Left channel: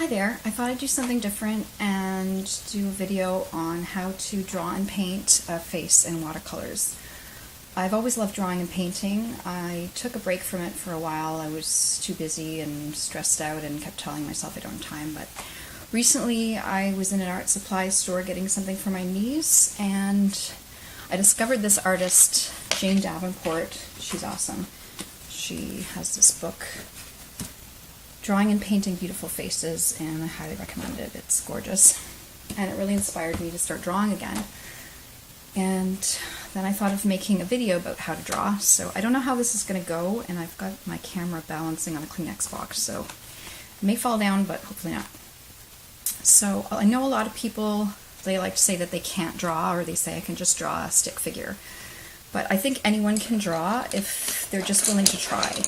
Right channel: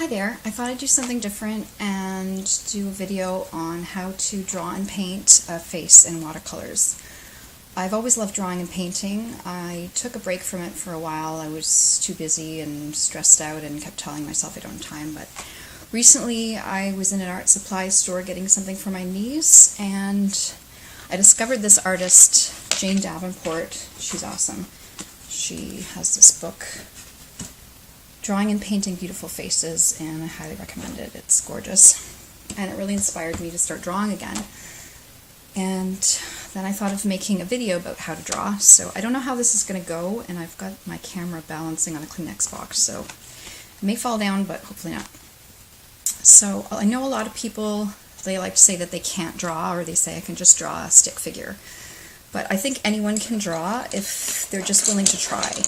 Hi there, I thought I'd do something different and do a video on how to draw and paint a face in watercolors. I've always loved drawing and painting. I took a break from it for a while. I was too busy and stressed out and kept telling myself I don't have time, but recently I was in an art supply store getting something for my niece and I discovered this artist, Jane Davenport. She's awesome. She has this book, Drawing and Painting Beautiful Faces, and I highly recommend it. It's gorgeous. And it really inspired me to start drawing again. And then I thought of making a video about how to draw. So I don't know how this is going to go, and I've got my camera balancing on a Kleenex box, so it may fall down, but hopefully not. So I know a lot of people, they like to say that they can't draw, or they say I can just draw a stick figure. But I think anyone can draw if they're just willing to try.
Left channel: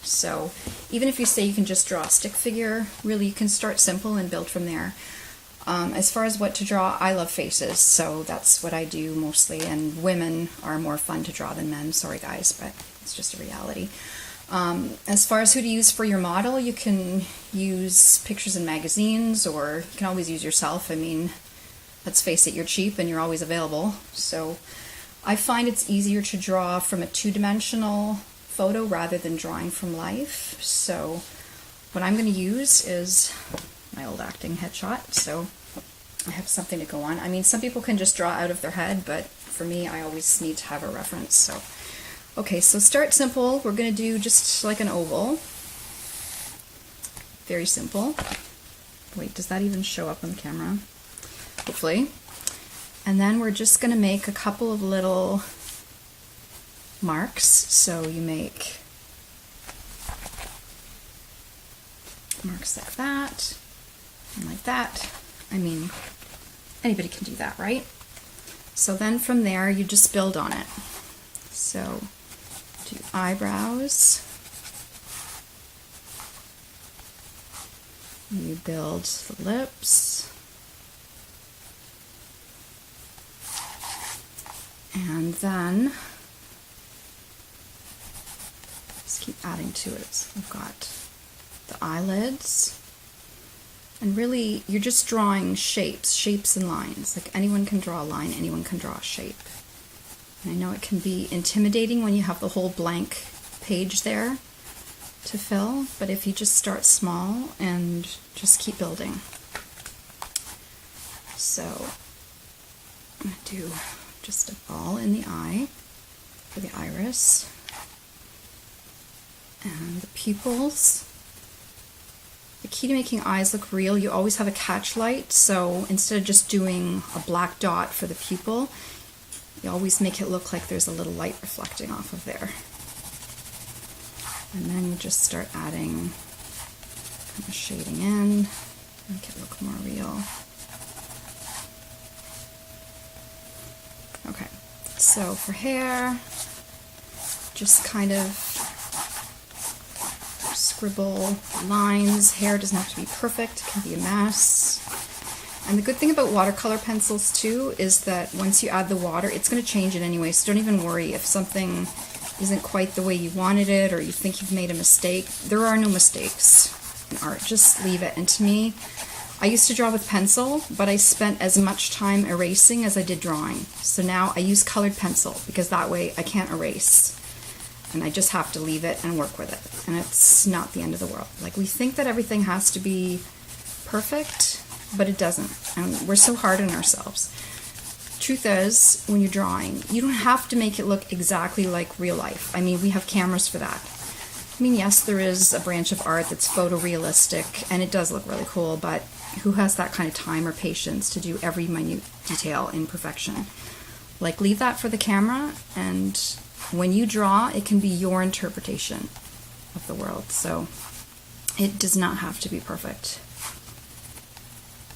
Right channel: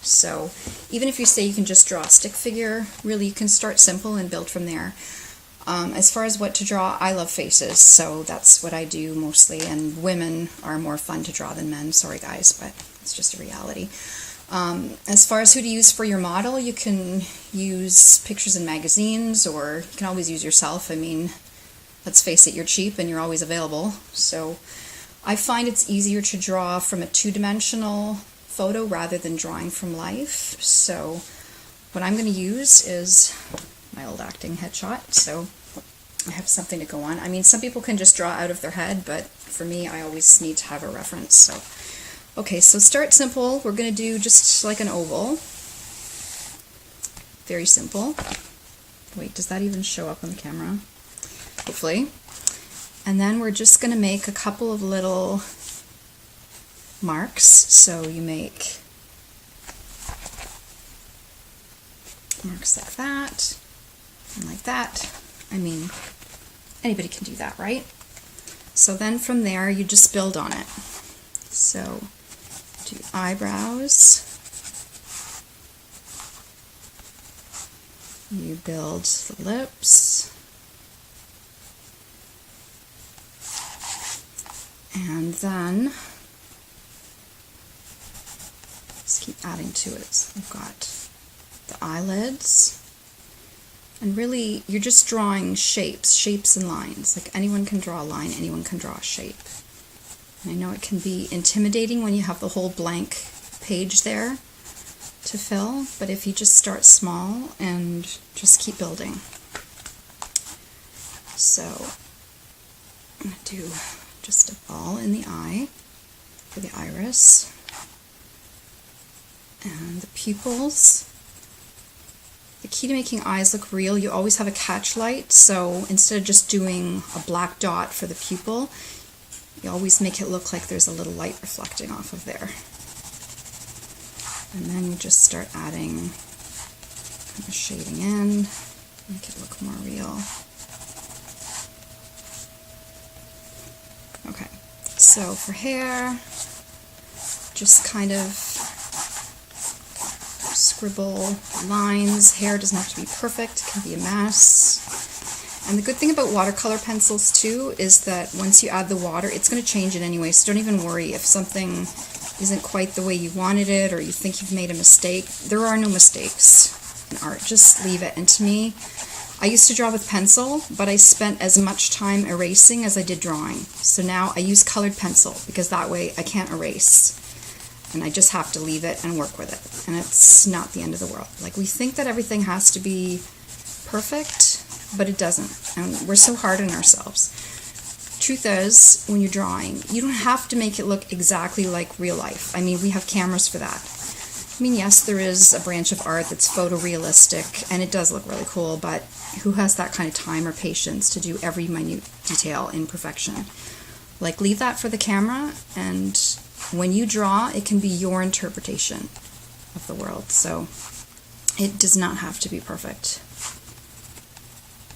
So even if you say you can just draw a stick figure, really you can start simple and build from there. As far as what to draw, I love faces, so that's what I do mostly, and women are more fun to draw than men. Sorry guys, but it's just a reality. As far as who to use for your model, you can use pictures in magazines, or you can always use yourself. I mean, let's face it, you're cheap and you're always available. So I find it's easier to draw from a two-dimensional photo rather than drawing from life. So what I'm going to use is my old acting headshot, so I have something to go on. I mean, some people can just draw out of their head, but for me, I always need to have a reference. So, okay, so start simple. We're going to do just like an oval. Very simple. Wait, does that even show up on the camera? Hopefully. And then we're just going to make a couple of little marks. So you make marks like that and like that. I mean, anybody can do that, right? So then from there you just build on it. So do eyebrows, you build the lips, and then just keep adding to it. So we've got the eyelids, and really you're just drawing shapes and lines. Like anyone can draw a line, anyone can draw a shape. And I know it can be intimidating when you have the whole blank page there to fill, but if you just start small and just keep building. So I'm going to do just a ball in the eye for the iris, and the pupils. The key to making eyes look real, you always have a catch light, so instead of just doing a black dot for the pupil, you always make it look like there's a little light reflecting off of there. And then you just start adding kind of shading in, make it look more real. Okay, so for hair, just kind of scribble lines. Hair doesn't have to be perfect, it can be a mess. And the good thing about watercolor pencils too is that once you add the water, it's going to change it anyway, so don't even worry if something isn't quite the way you wanted it or you think you've made a mistake. There are no mistakes in art, just leave it. And to me, I used to draw with pencil, but I spent as much time erasing as I did drawing. So now I use colored pencil because that way I can't erase. And I just have to leave it and work with it. And it's not the end of the world. Like, we think that everything has to be perfect, but it doesn't. And we're so hard on ourselves. Truth is, when you're drawing, you don't have to make it look exactly like real life. I mean, we have cameras for that. I mean, yes, there is a branch of art that's photorealistic, and it does look really cool, but who has that kind of time or patience to do every minute detail in perfection? Like, leave that for the camera, and when you draw, it can be your interpretation of the world. So it does not have to be perfect.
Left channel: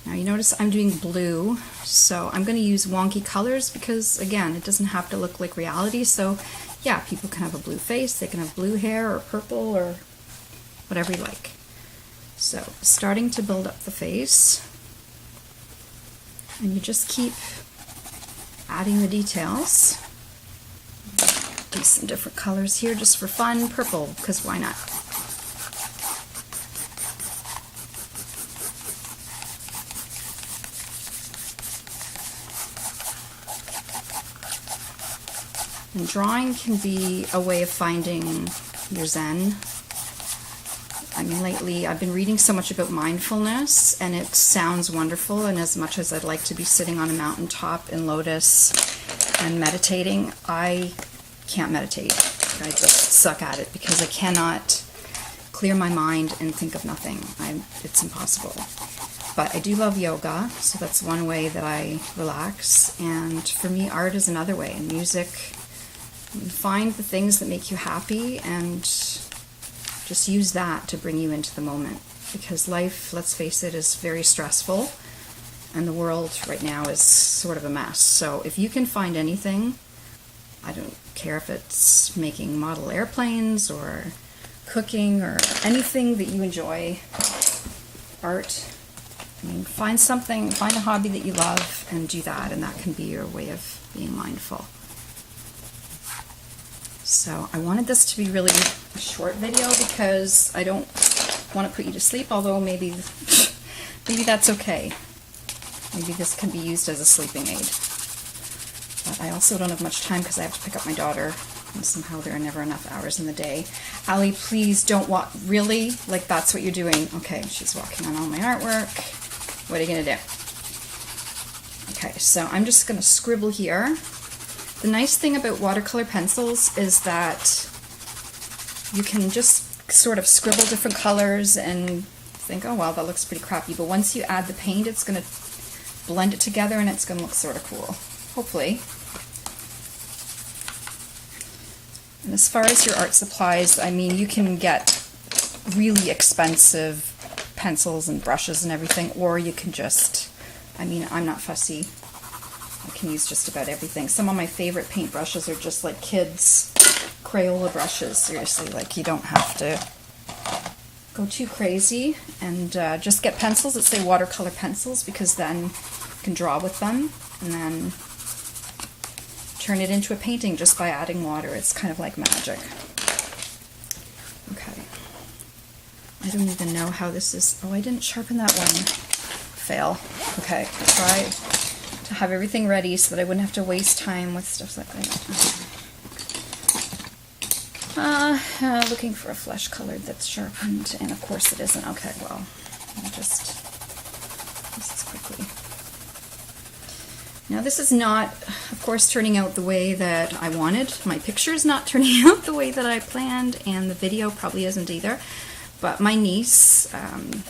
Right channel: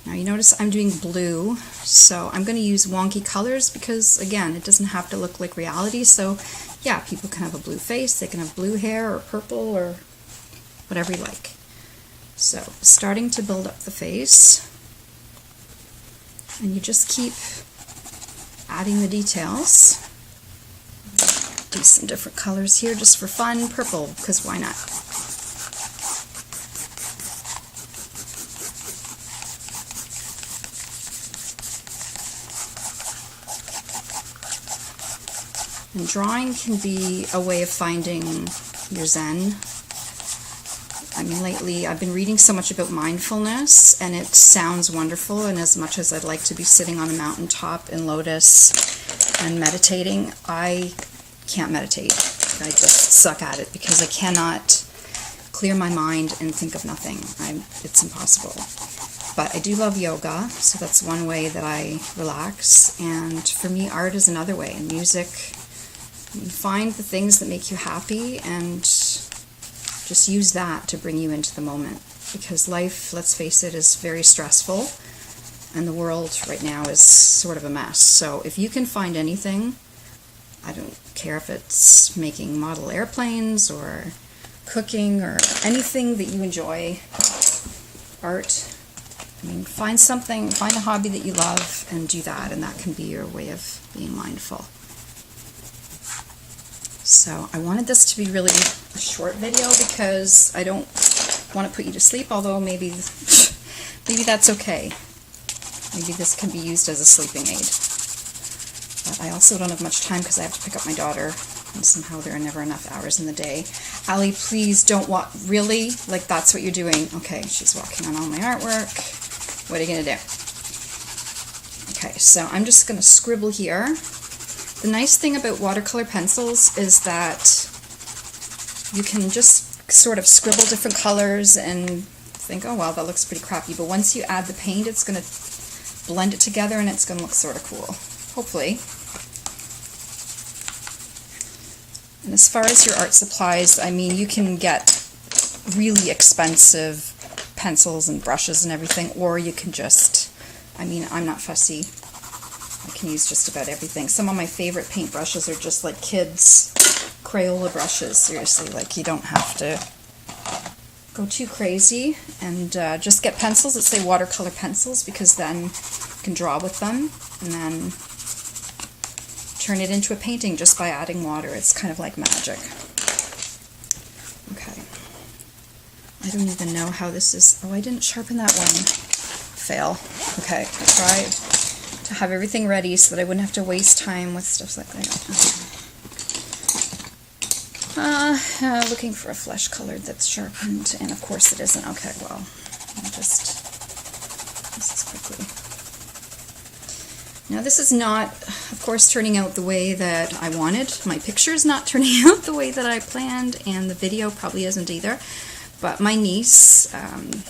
Now you notice I'm doing blue, so I'm going to use wonky colors because, again, it doesn't have to look like reality. So yeah, people can have a blue face, they can have blue hair or purple or whatever you like. So starting to build up the face, and you just keep adding the details. Do some different colors here just for fun. Purple, because why not? And drawing can be a way of finding your zen. I mean, lately I've been reading so much about mindfulness, and it sounds wonderful, and as much as I'd like to be sitting on a mountaintop in lotus and meditating, I can't meditate. I just suck at it because I cannot clear my mind and think of nothing. It's impossible. But I do love yoga, so that's one way that I relax, and for me art is another way, and music. You find the things that make you happy and just use that to bring you into the moment, because life, let's face it, is very stressful, and the world right now is sort of a mess. So if you can find anything, I don't care if it's making model airplanes or cooking or anything that you enjoy, art, I mean, find something, find a hobby that you love and do that, and that can be your way of being mindful. So I wanted this to be really a short video because I don't want to put you to sleep, although maybe that's okay. Maybe this can be used as a sleeping aid. But I also don't have much time because I have to pick up my daughter, and somehow there are never enough hours in the day. Allie, please don't walk. Really? Like, that's what you're doing? Okay, she's walking on all my artwork. What are you going to do? Okay, so I'm just going to scribble here. The nice thing about watercolor pencils is that you can just sort of scribble different colors and think, oh, well, that looks pretty crappy. But once you add the paint, it's going to blend it together and it's going to look sort of cool, hopefully. And as far as your art supplies, I mean, you can get really expensive pencils and brushes and everything, or you can just, I mean, I'm not fussy. I can use just about everything. Some of my favorite paint brushes are just like kids' Crayola brushes. Seriously, like, you don't have to go too crazy, and just get pencils that say watercolor pencils, because then you can draw with them and then turn it into a painting just by adding water. It's kind of like magic. Okay. I don't even know how this is. Oh, I didn't sharpen that one. Fail. Okay, I tried to have everything ready so that I wouldn't have to waste time with stuff like that. Looking for a flesh colored that's sharpened, and of course it isn't. Okay, well, I'll just this quickly. Now this is not, of course, turning out the way that I wanted. My picture's not turning out the way that I planned, and the video probably isn't either. But my niece,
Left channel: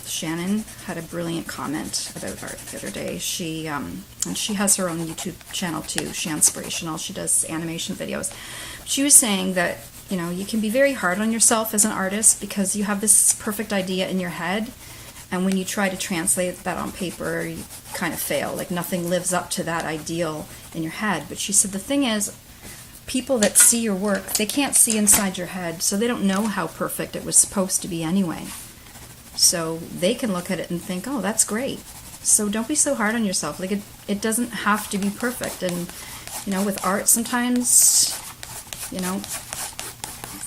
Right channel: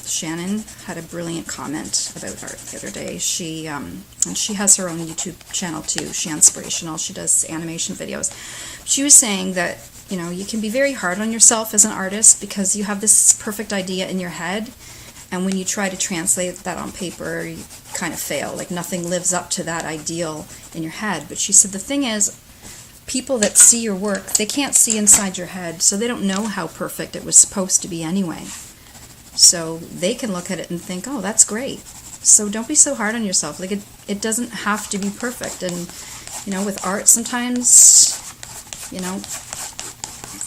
Shannon, had a brilliant comment about art the other day. She and she has her own YouTube channel too, She Inspirational. She does animation videos. She was saying that, you know, you can be very hard on yourself as an artist because you have this perfect idea in your head, and when you try to translate that on paper, you kind of fail. Like, nothing lives up to that ideal in your head. But she said the thing is, people that see your work, they can't see inside your head, so they don't know how perfect it was supposed to be anyway. So they can look at it and think, oh, that's great. So don't be so hard on yourself. Like, it doesn't have to be perfect. And, you know, with art, sometimes, you know,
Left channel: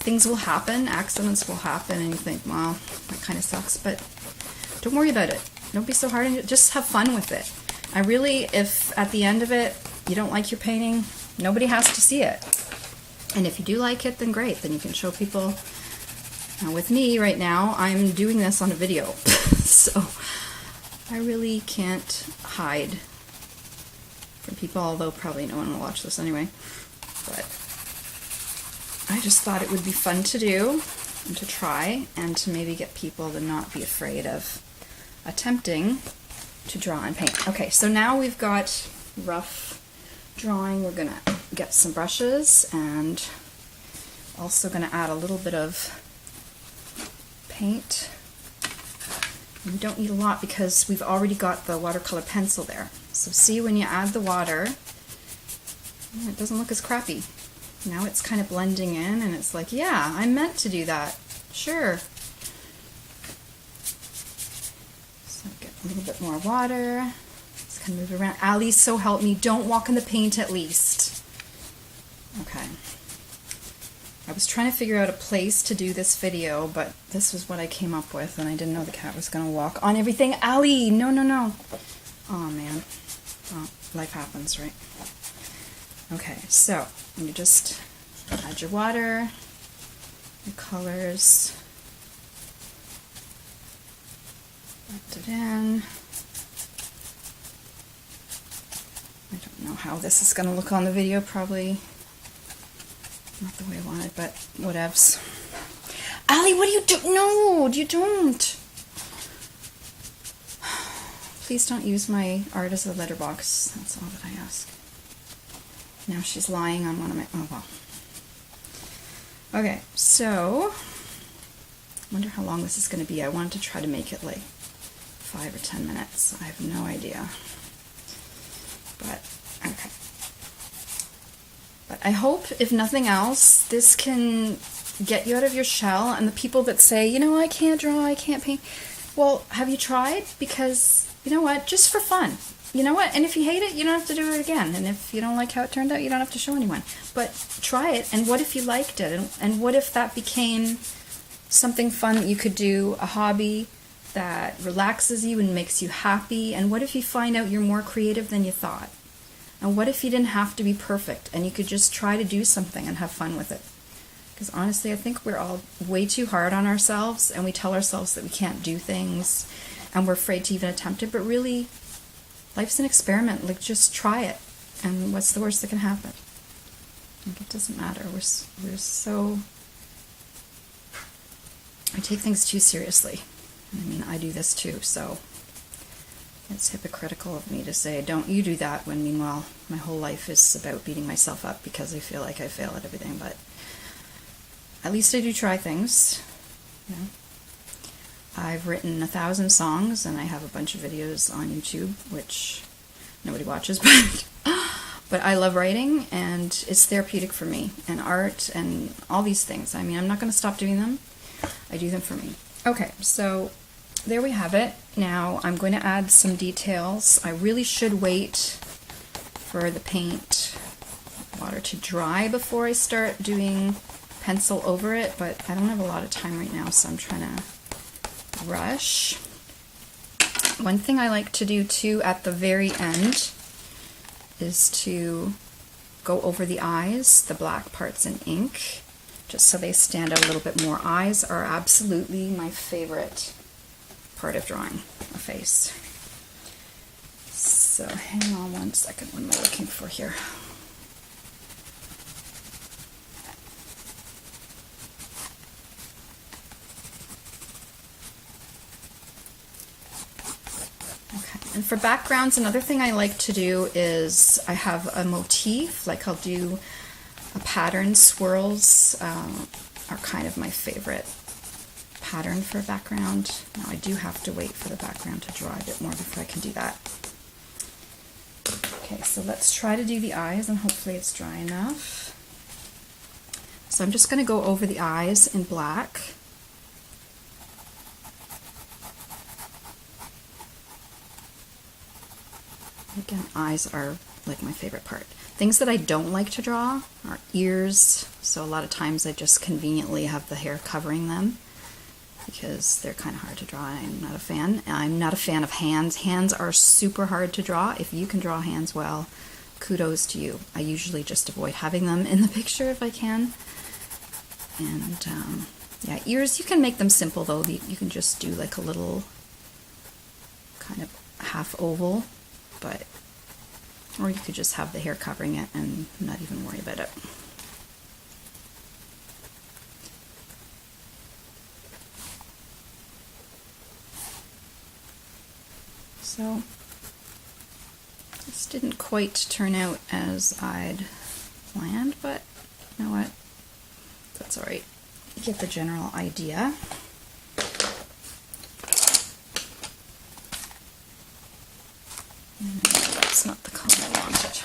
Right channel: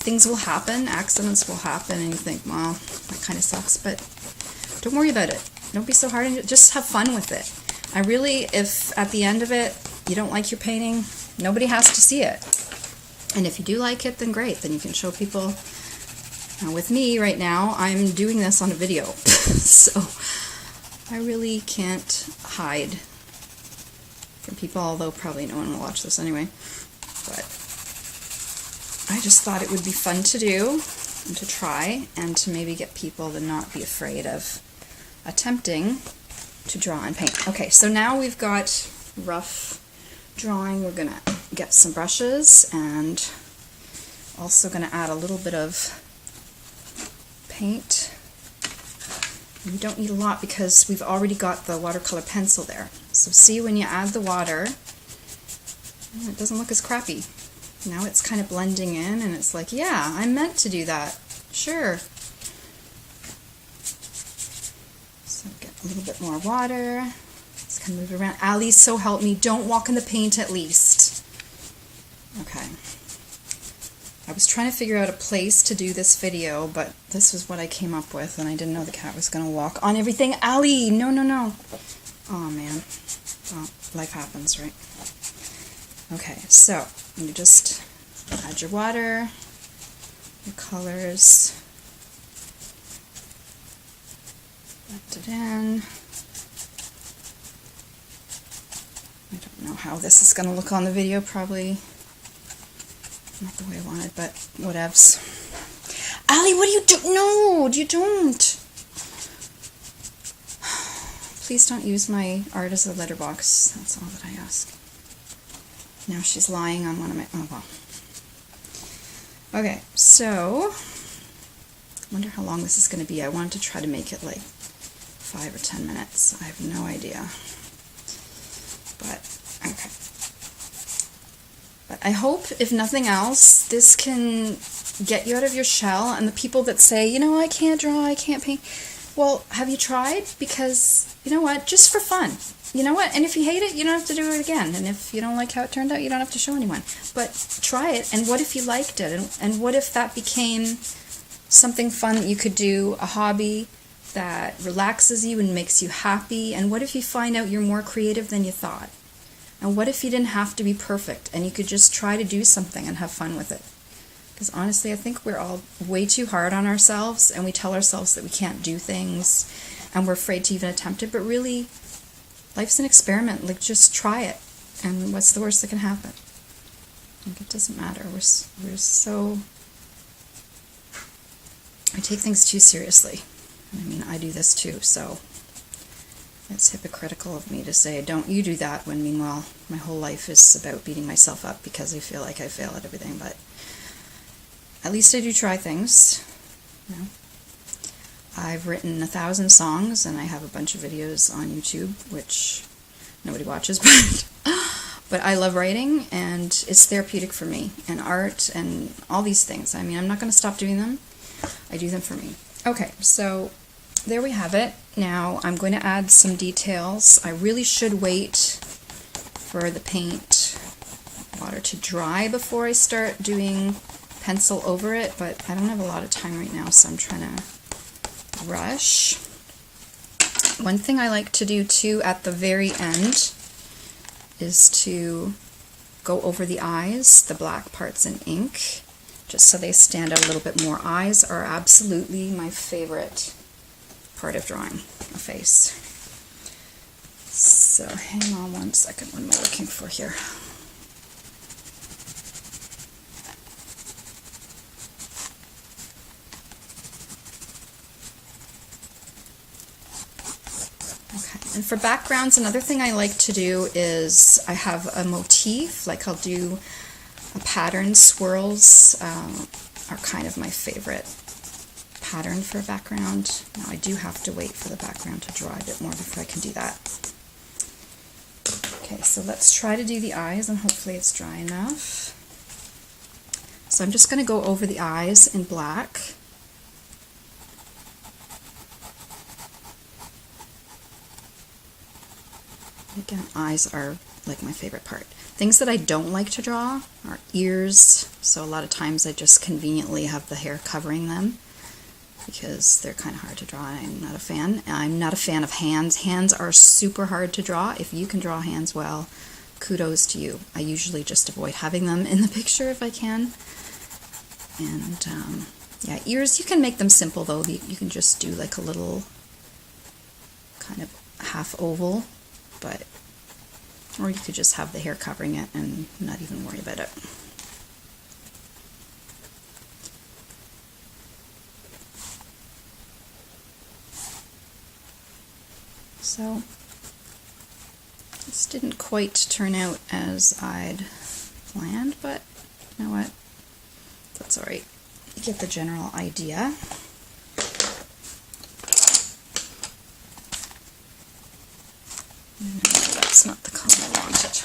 things will happen, accidents will happen, and you think, well, that kind of sucks. But don't worry about it. Don't be so hard on it. Just have fun with it. I really, if at the end of it, you don't like your painting, nobody has to see it. And if you do like it, then great. Then you can show people. Now with me right now, I'm doing this on a video. So I really can't hide from people, although probably no one will watch this anyway. But I just thought it would be fun to do and to try, and to maybe get people to not be afraid of attempting to draw and paint. Okay, so now we've got rough drawing. We're going to get some brushes, and also going to add a little bit of paint. We don't need a lot because we've already got the watercolor pencil there. So see, when you add the water, it doesn't look as crappy. Now it's kind of blending in, and it's like, yeah, I meant to do that. Sure. So get a little bit more water. Just kind of move around. Ali, so help me. Don't walk in the paint at least. Okay. I was trying to figure out a place to do this video, but this was what I came up with, and I didn't know the cat was going to walk on everything. Ali, no, no, no. Oh, man. Well, life happens, right? Okay, so you just add your water, your colors, blend it in. I don't know how this is going to look on the video, probably not the way I wanted, but whatevs. Allie, what do you do? No, you don't. Please don't use my art as a letterbox. That's all that I ask. Now she's lying on one of my... Oh, well. Okay, so... I wonder how long this is going to be. I wanted to try to make it like 5 or 10 minutes. I have no idea. But, okay. But I hope, if nothing else, this can get you out of your shell. And the people that say, you know, I can't draw, I can't paint. Well, have you tried? Because, you know what, just for fun. You know what? And if you hate it, you don't have to do it again. And if you don't like how it turned out, you don't have to show anyone. But try it, and what if you liked it? And what if that became something fun that you could do, a hobby that relaxes you and makes you happy? And what if you find out you're more creative than you thought? And what if you didn't have to be perfect and you could just try to do something and have fun with it? Because honestly, I think we're all way too hard on ourselves, and we tell ourselves that we can't do things, and we're afraid to even attempt it. But really, life's an experiment. Like, just try it. And what's the worst that can happen? Like, it doesn't matter. We're so... I take things too seriously. I mean, I do this too, so it's hypocritical of me to say, don't you do that, when meanwhile my whole life is about beating myself up because I feel like I fail at everything. But at least I do try things, you know. I've written 1,000 songs, and I have a bunch of videos on YouTube, which nobody watches, but I love writing, and it's therapeutic for me, and art, and all these things. I mean, I'm not going to stop doing them. I do them for me. Okay, so there we have it. Now I'm going to add some details. I really should wait for the paint water to dry before I start doing pencil over it, but I don't have a lot of time right now, so I'm trying to rush. One thing I like to do too at the very end is to go over the eyes, the black parts in ink, just so they stand out a little bit more. Eyes are absolutely my favorite part of drawing a face. So hang on one second. What am I looking for here? And for backgrounds, another thing I like to do is I have a motif, like I'll do a pattern. Swirls are kind of my favorite pattern for a background. Now I do have to wait for the background to dry a bit more before I can do that. Okay, so let's try to do the eyes, and hopefully it's dry enough. So I'm just going to go over the eyes in black. Again, eyes are like my favorite part. Things that I don't like to draw are ears, so a lot of times I just conveniently have the hair covering them because they're kind of hard to draw. I'm not a fan. I'm not a fan of hands. Hands are super hard to draw. If you can draw hands well, kudos to you. I usually just avoid having them in the picture if I can. And yeah, ears, you can make them simple though. You can just do like a little kind of half oval. Or you could just have the hair covering it and not even worry about it. So this didn't quite turn out as I'd planned, but you know what? That's all right. You get the general idea. No, that's not the color I wanted.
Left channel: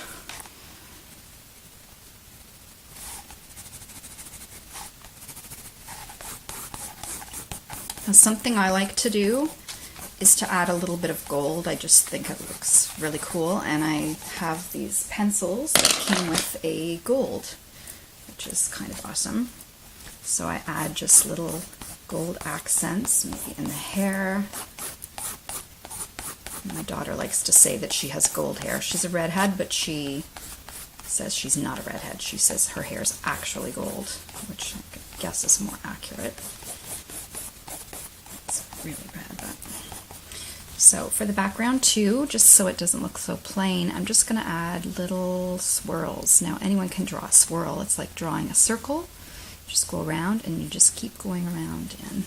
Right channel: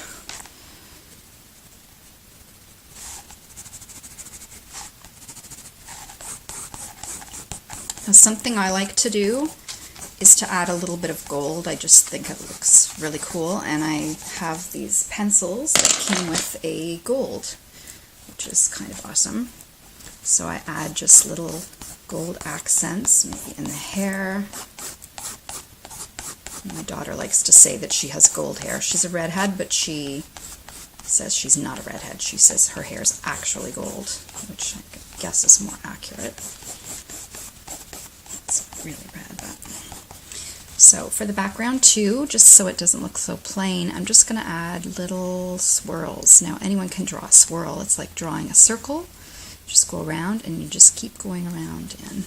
Now, something I like to do is to add a little bit of gold. I just think it looks really cool, and I have these pencils that came with a gold, which is kind of awesome. So I add just little gold accents, maybe in the hair. My daughter likes to say that she has gold hair. She's a redhead, but she says she's not a redhead. She says her hair is actually gold, which I guess is more accurate. It's really red, but... So for the background too, just so it doesn't look so plain, I'm just going to add little swirls. Now anyone can draw a swirl. It's like drawing a circle. Just go around and you just keep going around, and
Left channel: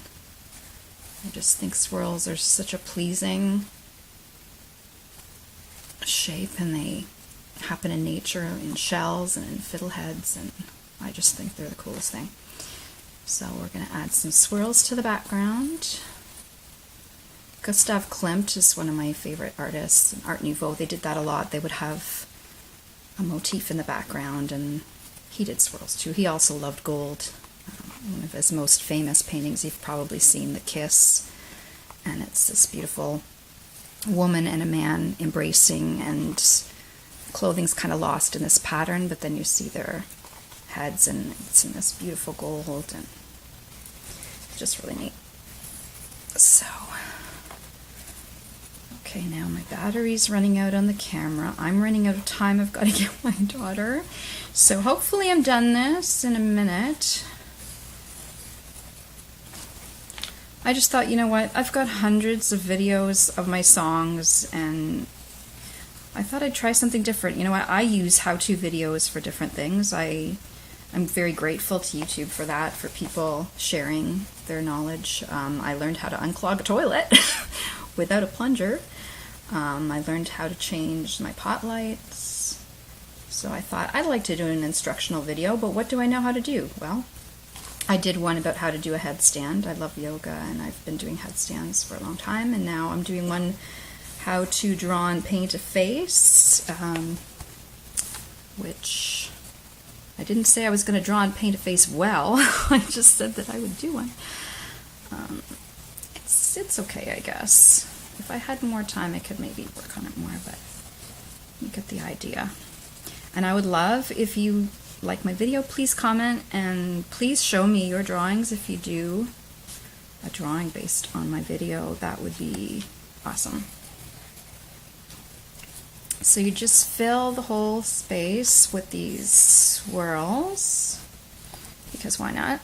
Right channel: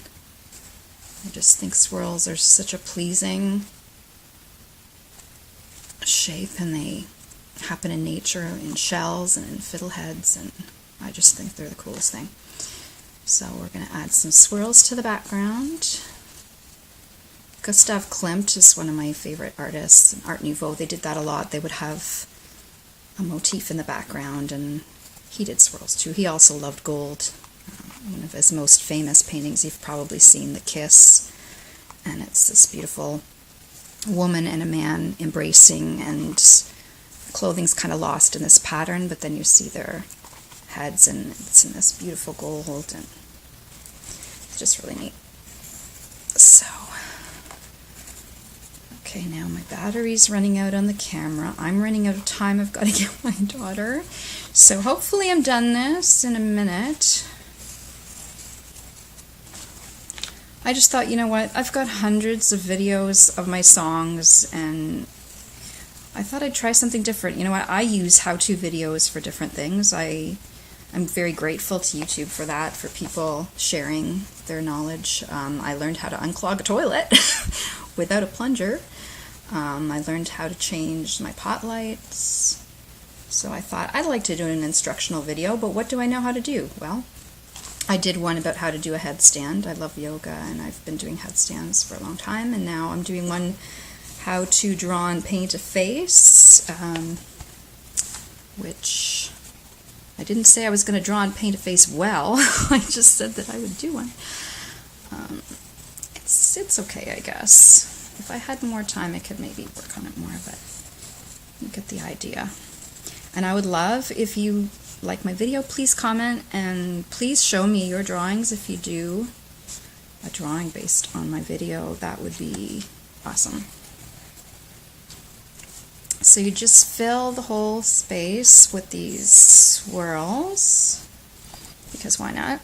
I just think swirls are such a pleasing shape, and they happen in nature, in shells and in fiddleheads, and I just think they're the coolest thing. So we're going to add some swirls to the background. Gustav Klimt is one of my favorite artists, Art Nouveau. They did that a lot. They would have a motif in the background, and he did swirls too. He also loved gold. One of his most famous paintings, you've probably seen, The Kiss, and it's this beautiful woman and a man embracing, and clothing's kind of lost in this pattern, but then you see their heads, and it's in this beautiful gold, and it's just really neat. So, okay, now my battery's running out on the camera. I'm running out of time. I've got to get my daughter. So hopefully I'm done this in a minute. I just thought, you know what, I've got hundreds of videos of my songs, and I thought I'd try something different. You know what, I use how-to videos for different things. I'm very grateful to YouTube for that, for people sharing their knowledge. I learned how to unclog a toilet without a plunger. I learned how to change my pot lights. So I thought I'd like to do an instructional video, but what do I know how to do? Well, I did one about how to do a headstand. I love yoga, and I've been doing headstands for a long time, and now I'm doing one how to draw and paint a face, which I didn't say I was going to draw and paint a face well. I just said that I would do one. It's okay, I guess. If I had more time, I could maybe work on it more, but you get the idea. And I would love, if you like my video, please comment, and please show me your drawings. If you do a drawing based on my video, that would be awesome. So you just fill the whole space with these swirls, because why not?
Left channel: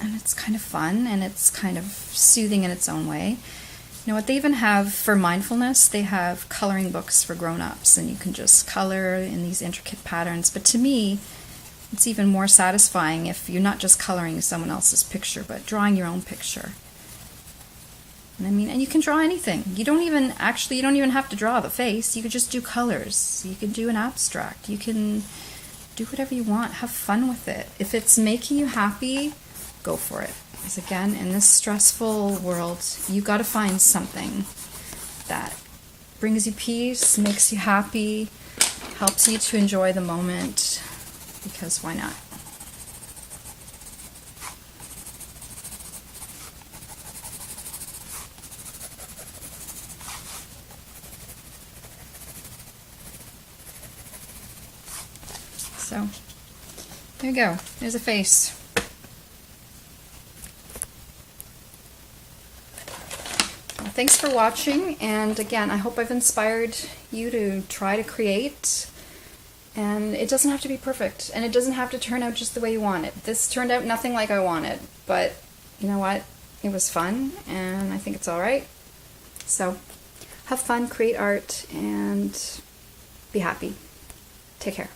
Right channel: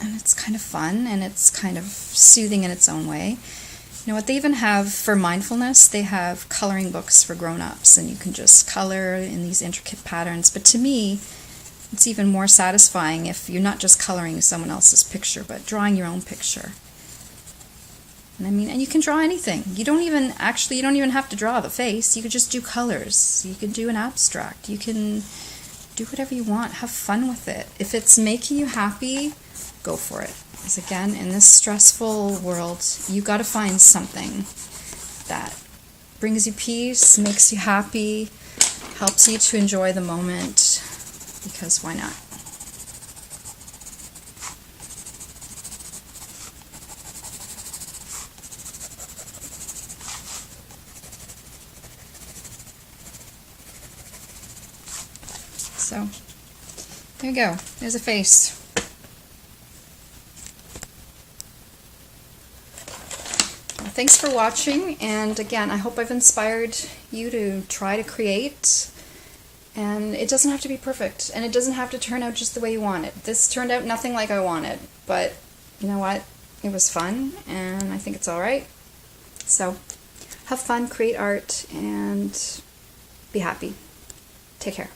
And it's kind of fun, and it's kind of soothing in its own way. You know what, they even have, for mindfulness, they have coloring books for grown-ups, and you can just color in these intricate patterns. But to me, it's even more satisfying if you're not just coloring someone else's picture, but drawing your own picture. And I mean, and you can draw anything. You don't even have to draw the face. You could just do colors. You can do an abstract. You can do whatever you want. Have fun with it. If it's making you happy, go for it. Because again, in this stressful world, you got to find something that brings you peace, makes you happy, helps you to enjoy the moment, because why not? So, there you go. There's a face. Thanks for watching, and again, I hope I've inspired you to try to create, and it doesn't have to be perfect, and it doesn't have to turn out just the way you want it. This turned out nothing like I wanted, but you know what? It was fun, and I think it's alright. So, have fun, create art, and be happy. Take care.